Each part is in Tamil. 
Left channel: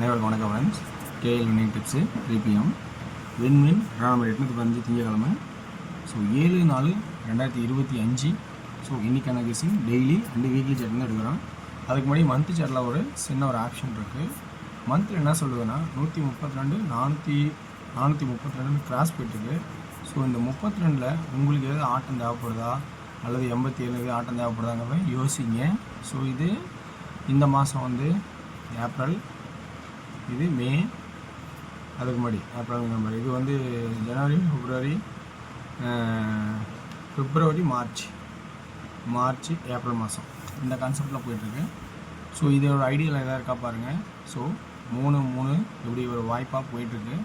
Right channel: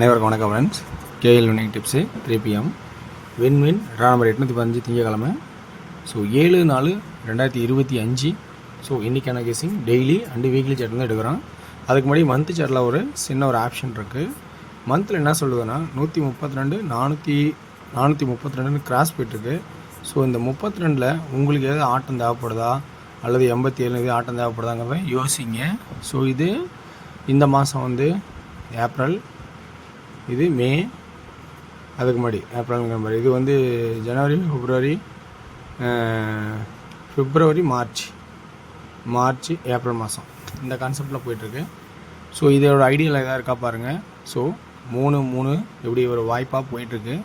அனைவருக்கும் வணக்கம் friends. KL winning tips 3 PM win number 815 திங்கக்கிழமை. ஸோ 7/4/2025. ஸோ இன்றைக்கான guessing daily and weekly chart தான் எடுக்கிறோம். அதுக்கு முன்னாடி மந்த் சார்ட்டில் ஒரு சின்ன ஒரு ஆப்ஷன் இருக்குது. மந்தில் என்ன சொல்லுதுன்னா 132 432 கிராஸ் போய்ட்டுருக்கு. ஸோ இந்த 32ல் உங்களுக்கு எதாவது ஆட்டம் தேவைப்படுதா அல்லது 87 எது ஆட்டம் தேவைப்படுதாங்கிறத யோசிங்க. ஸோ இது இந்த மாதம் வந்து ஏப்ரல், இது மே, அதுக்கு முன்னாடி ஏப்ரல் நவம்பர், இது வந்து ஜனவரி, பிப்ரவரி, மார்ச், ஏப்ரல் மாதம் இந்த கான்செப்டில் போயிட்டுருக்கு. ஸோ இதோட ஐடியாவில் எதாவது இருக்கா பாருங்கள். ஸோ 3 இப்படி ஒரு வாய்ப்பாக போயிட்டுருக்கு.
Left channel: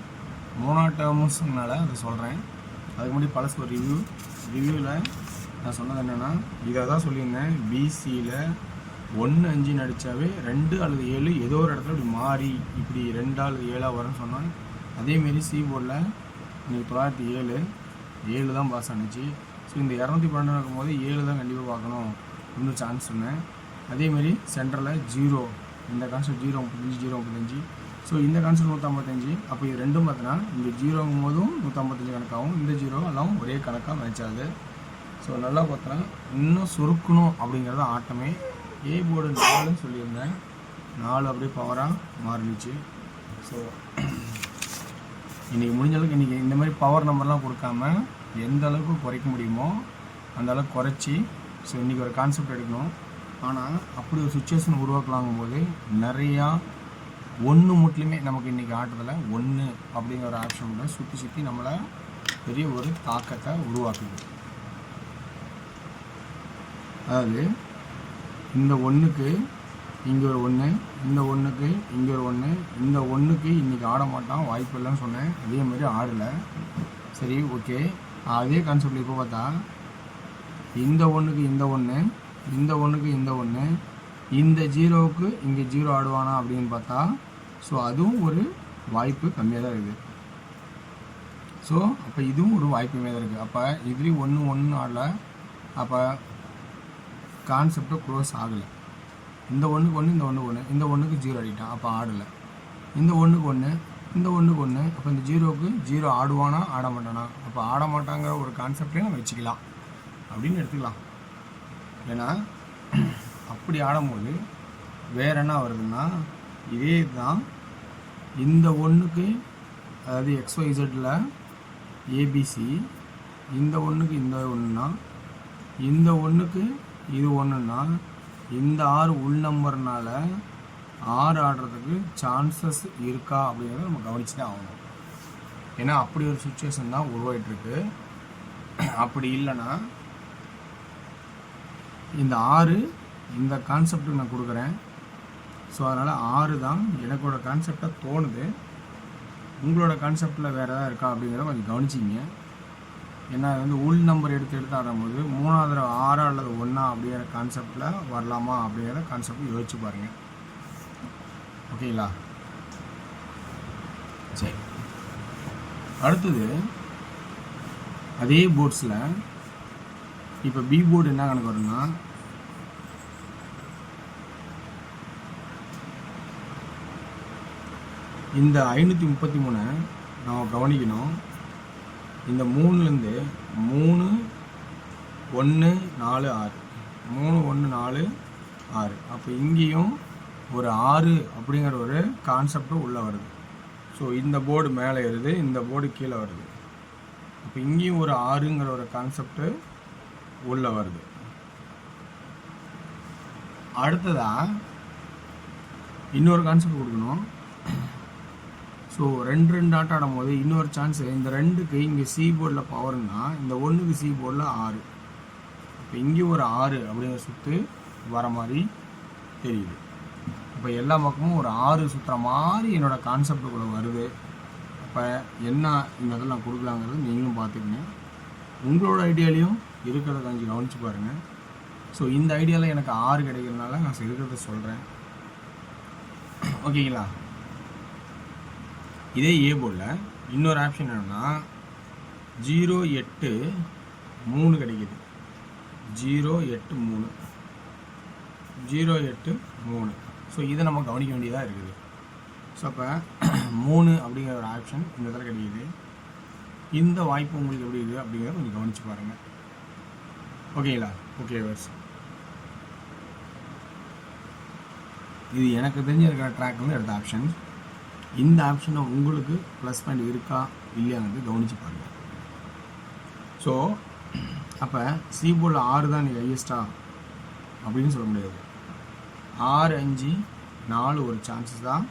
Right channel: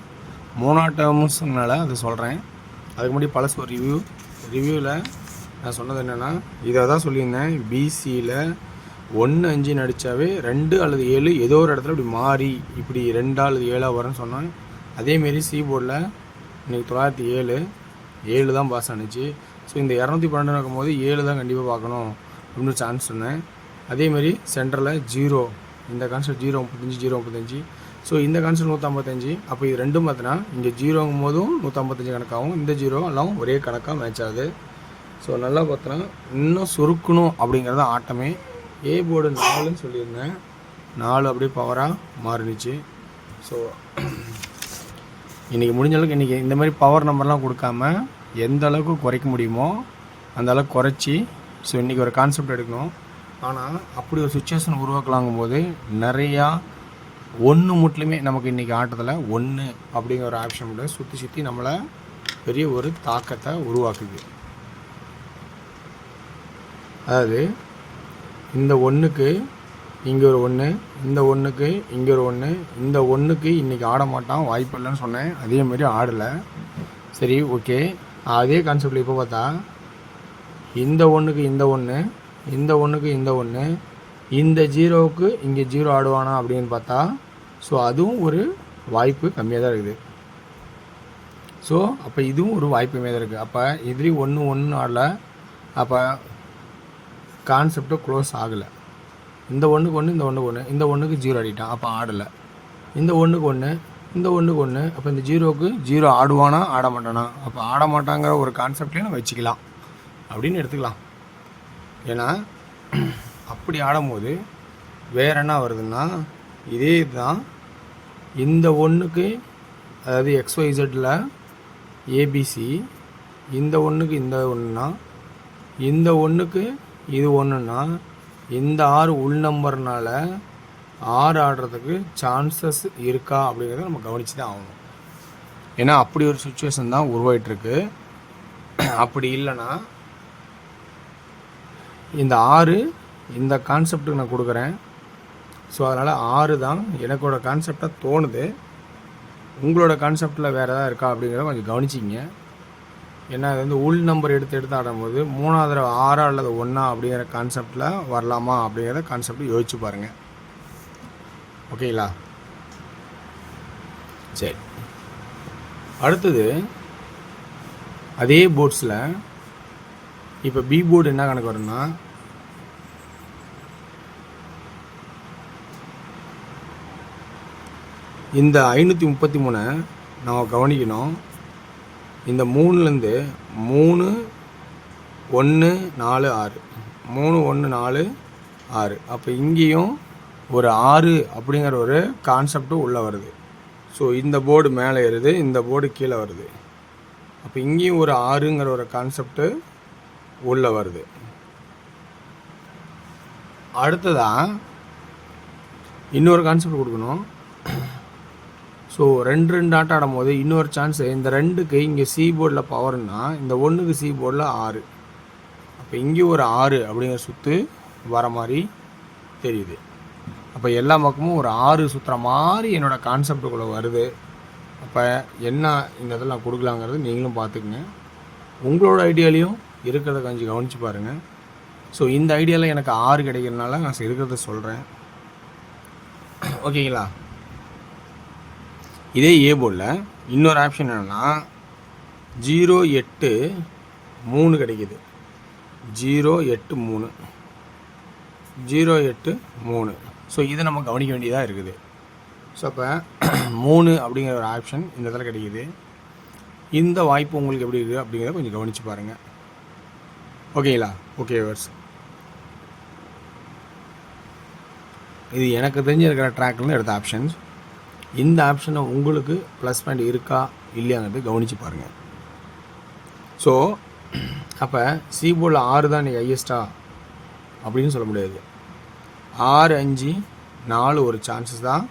3 டேர்ம்ஸ்னால அதை சொல்கிறேன். அதுக்கு முன்னாடி பழசு ஒரு ரிவ்யூவில் நான் சொன்னது என்னென்னா, இதை தான் சொல்லியிருந்தேன். பிசியில் 1 5 நடித்தாவே 2 அல்லது 7 ஏதோ ஒரு இடத்துல இப்படி மாறி இப்படி 2 அல்லது 7 வரும்னு சொன்னேன். அதேமாரி சி போர்டில் இன்றைக்கி 907 தான் பாஸ் ஆனிச்சு. ஸோ இந்த 212 இருக்கும்போது 7 தான் கண்டிப்பாக பார்க்கணும் அப்படின்னு சான்ஸ் சொன்னேன். அதேமாரி சென்டரில் 0, இந்த கான்செப்ட் 035. ஸோ இந்த கான்செப்ட் 155. அப்போ இது ரெண்டும் பார்த்தோன்னா இங்கே 0ங்கும் போதும் 155 கணக்காகும், இந்த 0 எல்லாம் ஒரே கணக்காக மேட்ச் ஆகுது. ஸோ நல்லா பார்த்தோன்னா இன்னும் சுருக்கணும் அப்படிங்கிறது ஆட்டமே. ஏ போர்டு 4ன்னு சொல்லியிருந்தேன், 4 அப்படியே பவராக மாறிடுச்சு. ஸோ இன்றைக்கி முடிஞ்ச அளவுக்கு இன்றைக்கி இந்த மாதிரி பவர் நம்பர்லாம் கொடுக்காம எந்த அளவுக்கு குறைக்க முடியுமோ அந்த அளவுக்கு குறைச்சி, ஸோ இன்றைக்கி ஒரு கான்செப்ட் எடுக்கணும். ஆனால் அப்படி ஒரு சுச்சுவேஷன் உருவாக்கலாங்கும் போது நிறையா 1 மட்டுமே நமக்கு இன்றைக்கி ஆட்டத்தில் 1 அப்படிங்கிற ஒரு ஆப்ஷன் கூட சுற்றி நம்மளை பெரிய ஒரு தாக்கத்தை உருவாக்குது. அதாவது இந்த 1க்கு இங்கே ஒரு 1, இந்த 1க்கு இங்கே ஒரு 1, இந்த 1க்கு இன்றைக்கி ஆட மாட்டான், வாய்ப்பு இல்லைன்னு சொன்னேன். அதேமாரி ஆடலை. சரி, ஓகே. அதே கான்செப்டில் இப்போ பார்த்தா இந்த 1க்கு இந்த 1, இந்த 1க்கு இந்த 1, இந்த 0வுக்கு இங்கே 0 ஆடுவானா அப்படின்னு பார்த்தா, ஸோ அதுவும் ஒரு வாய்ப்பு கம்மியாக தான் இருக்குது. ஸோ அப்போ இதுவும் ஒரு வாய்ப்பு கம்மியாக தான் இருக்குது. அப்போ இதுலேயும் 1 ஆடலை. அப்போ கான்செப்டை க்ளோஸ் ஆகலை. இந்த 1க்கு 1, இந்த 1க்கு 1, இந்த 1க்கு 0 ஆடிட்டான், அப்போ ஆடலை. இந்த 1க்கு 1, இந்த 1க்கு 1, அப்போ இந்த 0க்கு 0 ஆடுவானா ஆட மாட்டானா, அப்போ ஆட மாட்டாங்கிற ஒரு கான்செப்டையும் நம்ம வச்சுக்கலாம் அப்படின்னு எடுத்துக்கலாம். ஏன்னா அப்படி ஆடும்போது வேறு என்ன வருதுன்னா, இதே தான் இந்த 1க்கு, அதாவது XYZல ஏபிசி, இந்த 1க்கு இந்த 1னா, இந்த 1க்கு இது 1னா, இந்த 6 உள் நம்பர்னால 6 ஆடுறதுக்கு சான்சஸ் இருக்கா அப்படிங்கிறத நம்ம கவனித்து தான் ஆகணும். ஏன்னா அப்படி ஒரு சுச்சுவேஷன் தான் உருவாயிட்ருக்கு. அப்படி இல்லைன்னா இந்த 6 இந்த கான்செப்டுக்கு நான் கொடுக்குறேன். ஸோ அதனால் 6 தான் எனக்கோட கான்செப்டாக தோணுது. உங்களோட கான்செப்டில் வேறு எதாவது இருக்கா அப்படிங்கிறத கொஞ்சம் கவனிச்சிங்க. ஏன்னா அது வந்து உள் நம்பர் எடுத்து ஆடும்போது 3ஆவது 6 அல்லது 1 அப்படிங்கிற கான்செப்டில் வரலாமா அப்படிங்கிற கான்செப்ட் யோசிச்சு பாருங்கள். ஓகேங்களா? சரி, அடுத்தது அதே போர்ட்ஸில் இப்போ பி போர்டு என்ன கணக்கு வரும்னா, இந்த 533 நம்ம கவனிக்கணும். இந்த 3லேருந்து 3 1 4 6, 3 1 4 6, அப்போ இங்கேயும் ஒரு 6 அப்படிங்கிற ஒரு கான்செப்டும் உள்ளே வருது. ஸோ இந்த போர்டு மேலே ஏறுது, இந்த போர்டு கீழே வருது. அப்போ இங்கேயும் ஒரு 6ங்கிற ஒரு கான்செப்டு உள்ளே வருது. அடுத்ததான் இன்னொரு கான்செப்ட் கொடுக்கணும். ஸோ 2 ஆட்டம் ஆடும் போது இன்னொரு சான்ஸ், இந்த 2க்கு இங்கே சி போர்டில் பவர்னா, இந்த 1க்கு சி போர்டில் 6, அப்போ இங்கே ஒரு 6 அப்படிங்கிற சுற்று வர மாதிரி தெரியுது. அப்போ எல்லா பக்கமும் ஒரு 6 சுற்றுற மாதிரி என்னோடய கான்செப்டுக்குள்ளே வருது. அப்போ என்ன இந்த இதில் நான் கொடுக்கலாங்கிறது நீங்களும் பார்த்துக்குங்க. உங்களோட ஐடியாலையும் இருக்கிறத கொஞ்சம் கவனித்து பாருங்கள். ஸோ இந்த ஐடியாவில் எனக்கு 6 கிடைக்கிறதுனால நான் இருக்கிறத சொல்கிறேன். ஓகேங்களா? இதே ஏ போர்டில் இன்னொரு ஆப்ஷன் என்னென்னா 0 8 3 கிடைக்கிது. 0 8 3, 0 8 3. ஸோ இதை நம்ம கவனிக்க வேண்டியதாக இருக்குது. ஸோ அப்போ 3 அப்படிங்கிற ஒரு ஆப்ஷன் இந்த இடத்துல கிடைக்கிது. இந்த வாய்ப்பு உங்களுக்கு எப்படி இருக்குது அப்படிங்கிறத கொஞ்சம் கவனித்து பாருங்கள். ஓகேங்களா? ஓகே வர்ஸ், இது எனக்கு தெரிஞ்சு இருக்கிற ட்ராக்லேருந்து எடுத்த ஆப்ஷன்ஸ். இந்த ஆப்ஷனை உங்களுக்கு ப்ளஸ் பாயிண்ட் இருக்கா இல்லையாங்கிறது கவனித்து பாருங்கள். ஸோ அப்போ சி போர்டில் 6 தான் நீங்கள் ஹையஸ்ட்டா அப்படின்னு சொல்ல முடியாது. 6, 5, 4 ஒரு சான்சஸ் தான்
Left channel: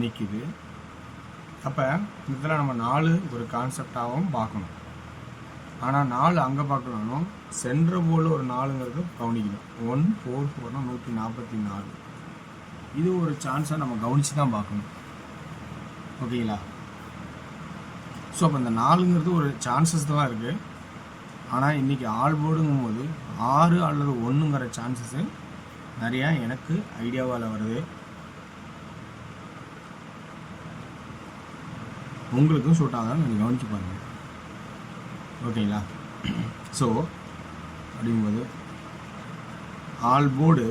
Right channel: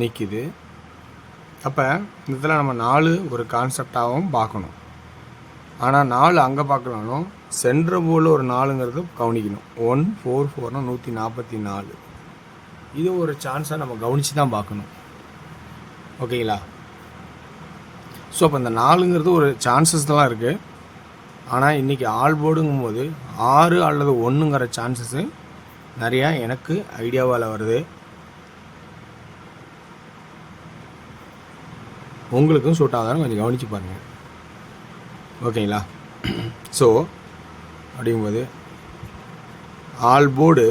நிற்கிது. அப்போ இந்த இடத்துல நம்ம 4 ஒரு கான்செப்டாகவும் பார்க்கணும். ஆனால் 4 அங்கே பார்க்கலாலும் சென்ட்ரு போர்டில் ஒரு 4ங்கிறது கவனிக்கணும். 1, 4, 4னா 144. இது ஒரு சான்ஸாக நம்ம கவனித்து தான் பார்க்கணும். ஓகேங்களா? ஸோ அப்போ இந்த 4ங்கிறது ஒரு சான்சஸ் தான் இருக்குது. ஆனால் இன்றைக்கி ஆல் போர்டுங்கும் போது 6 அல்லது 1ங்கிற சான்சஸ்ஸு நிறையா எனக்கு ஐடியாவால் வருது. உங்களுக்கும் சூட் ஆகாதான் கொஞ்சம் கவனித்து பாருங்கள். ஓகேங்களா? ஸோ அப்படிங்கும்போது ஆல் போர்டு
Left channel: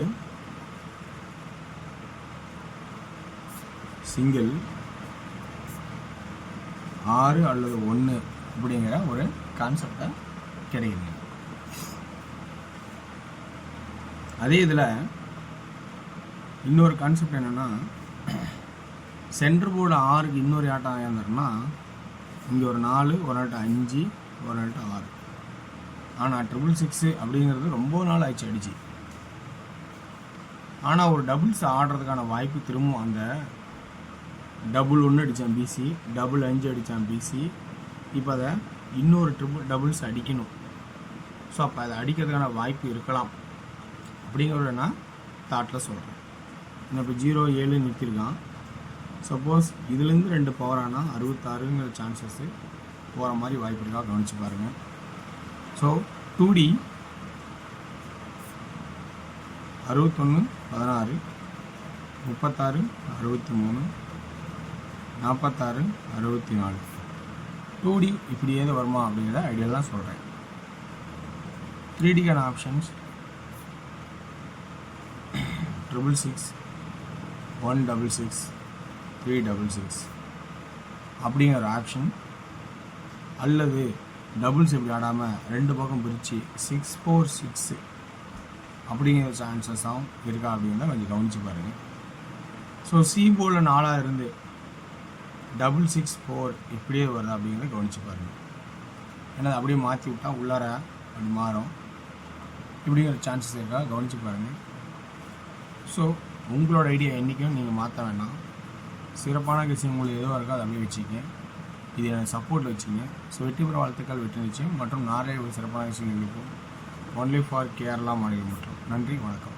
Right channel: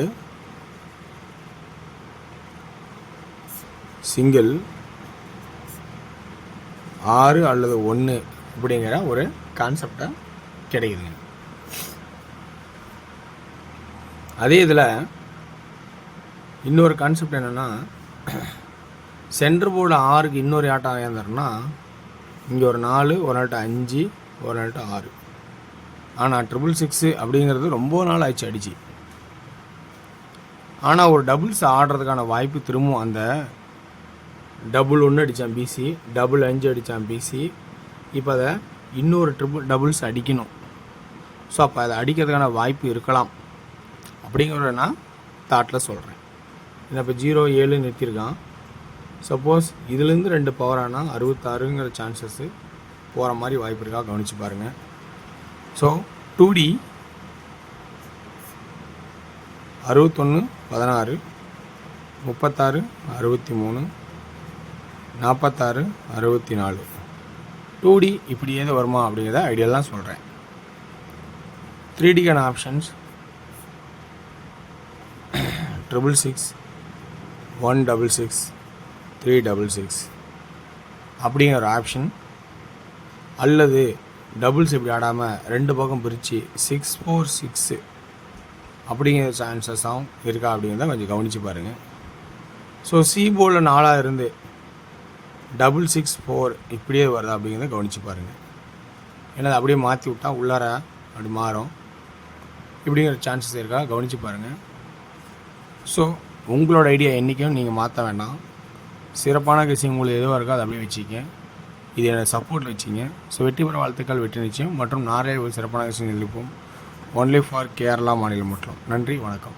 சிங்கிள் 6 அல்லது 1 அப்படிங்கிற ஒரு கான்செப்டை கிடைக்குதுங்க. அதே இதில் இன்னொரு கான்செப்ட் என்னென்னா, சென்டர் போர்டு 6க்கு இன்னொரு ஆட்டம் ஏந்தாருன்னா இங்கே ஒரு 4, ஒரு நாட்டு 5, ஒரு நாட்டு 6. ஆனால் 666 அப்படிங்கிறது ரொம்ப நாள் ஆயிடுச்சு அடிச்சு. ஆனால் ஒரு டபுள்ஸ் ஆடுறதுக்கான வாய்ப்பு திரும்பவும் அந்த டபுள் 1 அடித்தான் பிசி, டபுள் 5 அடித்தான் பிசி. இப்போ அதை இன்னொரு டபுள்ஸ் அடிக்கணும். ஸோ அப்போ அதை அடிக்கிறதுக்கான வாய்ப்பு இருக்கலாம் அப்படிங்கிறத நான் தாட்டில் சொல்கிறேன். ஏன்னா இப்போ 0, 7 நிறுத்தியிருக்கான். சப்போஸ் இதுலேருந்து 2 பவர் ஆனால் 66ங்கிற சான்சஸ்ஸு போகிற மாதிரி வாய்ப்பு இருக்கா கவனித்து பாருங்கள். So 2D 61, 16, 36, 63, 46, 64. 2D இப்படி ஏதோ வருமா அப்படிங்கிறத ஐடியாலாம் சொல்கிறேன். 3Dக்கான ஆப்ஷன்ஸ் 666, 166, 366 அப்படிங்கிற ஒரு ஆப்ஷன். அல்லது டபுள்ஸ் இப்படி ஆடாமல் 2 பக்கம் பிரித்து 646 அப்படிங்கிற சான்சஸும் இருக்கா அப்படிங்கிறத கொஞ்சம் கவனித்து பாருங்கள். ஸோ சி போர்டில் 4 இருந்து 664 இப்படியே வருதா அப்படிங்கிறத கவனித்து பாருங்கள். ஏன்னா அப்படியே மாற்றி விட்டால் உள்ளார அப்படி மாறும். இப்படிங்கிற சான்சஸ் இருக்கா கவனித்து பாருங்கள். ஸோ உங்களோட ஐடியா என்றைக்கும் நீங்கள் மாற்ற வேண்டாம். சிறப்பான விஷயம் உங்களுக்கு எதுவாக இருக்கோ அதை அப்படியே வச்சுக்க. இது என்னோட சப்போர்ட்டில் வச்சுங்க. ஸோ வெற்றி பெற வாழ்த்துக்கள், வெற்றி நிச்சயம். மற்றும் நாரே ஒரு சிறப்பான விஷயம் இருப்போம். ஒன்லி ஃபார் கேரளா மாநிலம் மட்டும். நன்றி, வணக்கம்.